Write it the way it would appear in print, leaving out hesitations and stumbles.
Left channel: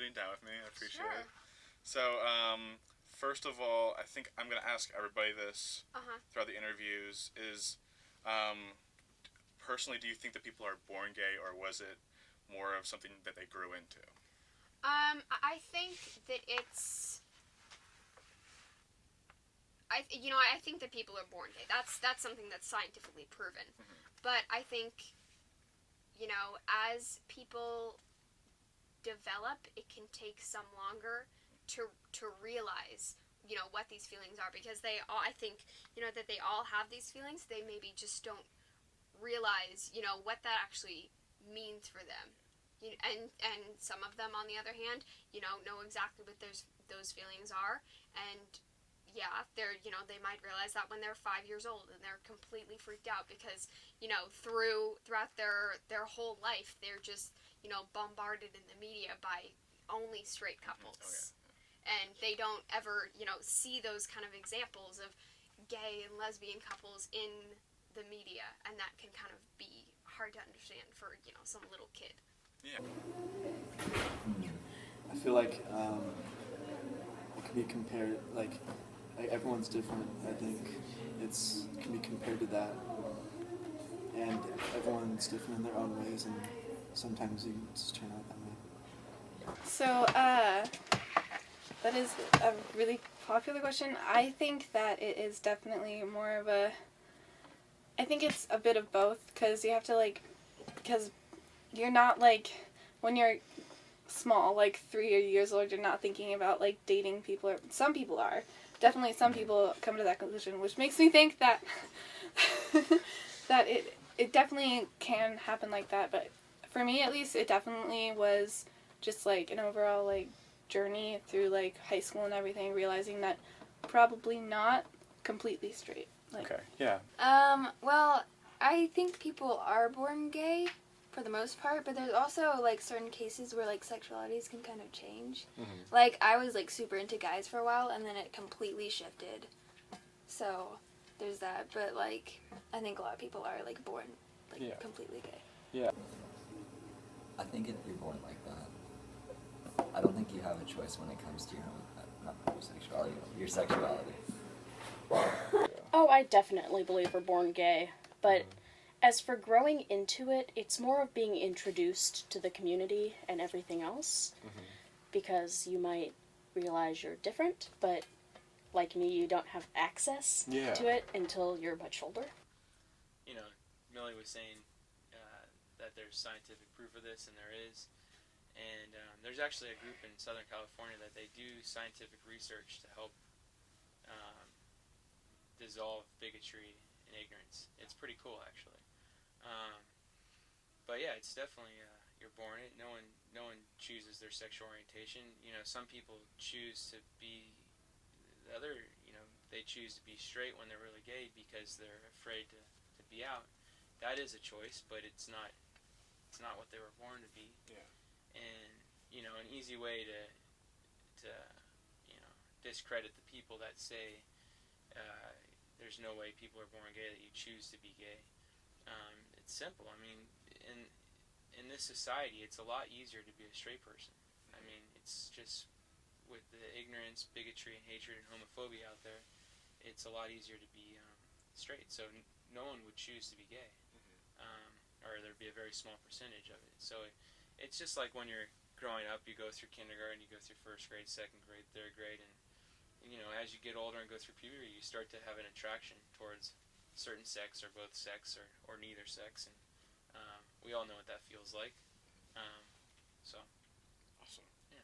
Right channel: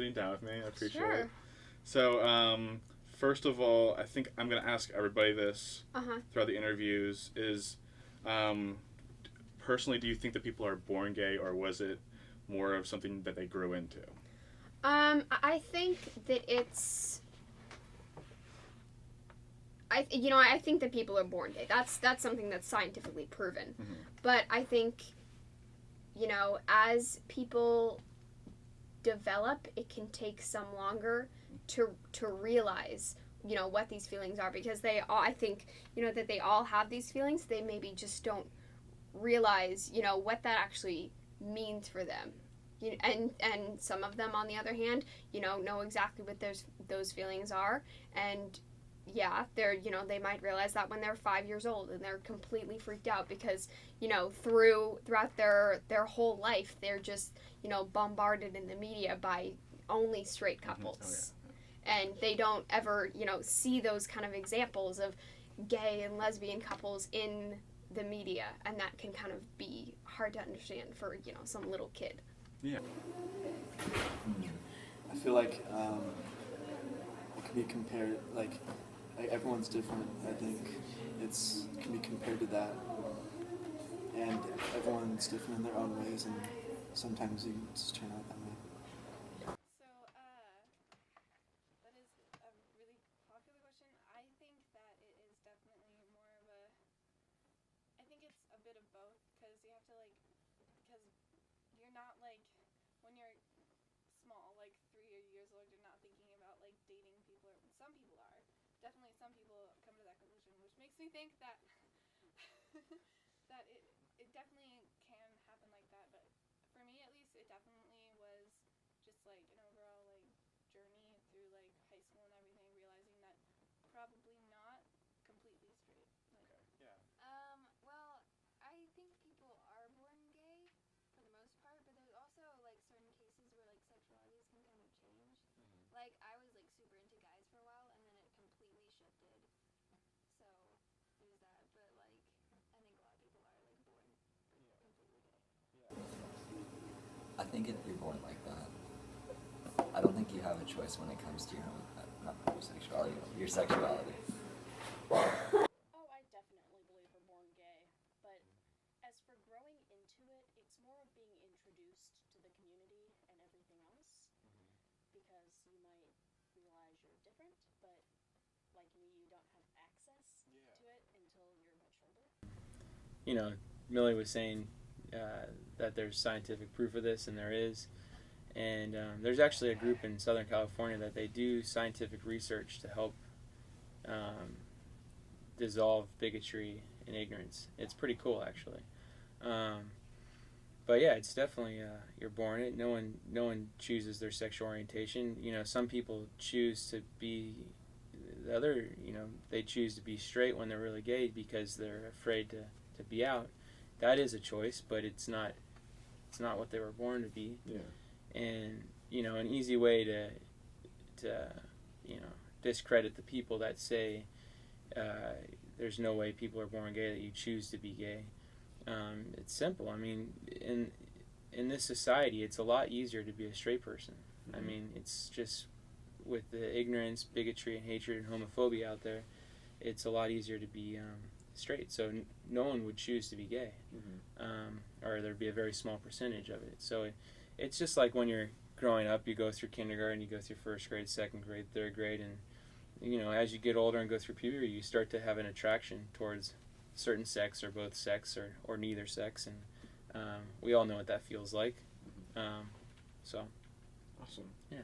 sitting down with me. I appreciate Sure. it. So, first of all, I think I'm going to ask everybody this throughout the interviews is, personally, do you think that people are born gay, or was it more of something that they grew into? I think that it's... I think that people are born gay. That's something that's scientifically proven. Mm-hmm. But I think, as people develop, it can take some longer to realize, what these feelings are, because I think, that they all have these feelings. They maybe just don't realize, what that actually means for them. And some of them, on the other hand, know exactly what those feelings are, and yeah, they might realize that when they're 5 years old, and they're completely freaked out because, throughout their whole life, they're just, bombarded in the media by only straight couples. Oh, yeah. And they don't ever, see those kind of examples of gay and lesbian couples in the media, and that can kind of be hard to understand for, some little kid. Yeah. I feel like it can be compared, like everyone's different. I think it can be compared to that, and everyone's different in their own ways, and sometimes you just turn out that way. So, that is a really popular question. I think that it is definitely more of I think it's a bit of both, because you have to, because you're not, when you're small, 3 years old, you're not thinking about, dating people. Or some people are. Definitely some people come to that conclusion, which makes me think that that it definitely can happen like that. But for me, at least, it definitely was just, an overall, journey through, high school and everything, realizing that probably not completely straight. Okay, yeah. Well, I think people are born gay for the most part, but there's also, certain cases where, sexualities can kind of change. Mm-hmm. I was, super into guys for a while, and then it completely shifted. So, there's that. But, I think a lot of people are, born, completely gay. Yeah. I think if you're born like that, I don't think you have a choice when it comes to not homosexuality, your sexuality. Oh, I definitely believe we're born gay, but as for growing into it, it's more of being introduced to the community and everything else, because you might realize you're different, but like me, you don't have access to it until you're much older. Millie was saying that there's scientific proof of this, and there is. And there's actually a group in Southern California that they do scientific research to help dissolve bigotry and ignorance. It's pretty cool, actually. But yeah, it's definitely you're born it. No one chooses their sexual orientation. Some people choose to be the other. They choose to be straight when they're really gay because they're afraid to be out. That is a choice, but it's not what they were born to be. Yeah. And an easy way to discredit the people that say there's no way people are born gay, that you choose to be gay. It's simple. I mean, in this society, it's a lot easier to be a straight person. I mean, it's just with the ignorance, bigotry, and hatred and homophobia out there, it's a lot easier to be straight. So no one would choose to be gay, or there'd be a very small percentage of it. So it's just like when you're growing up, you go through kindergarten, you go through first grade, second grade, third grade, and as you get older and go through puberty, you start to have an attraction towards certain sex, or both sex, or neither sex, and we all know what that feels like. So Awesome. yeah.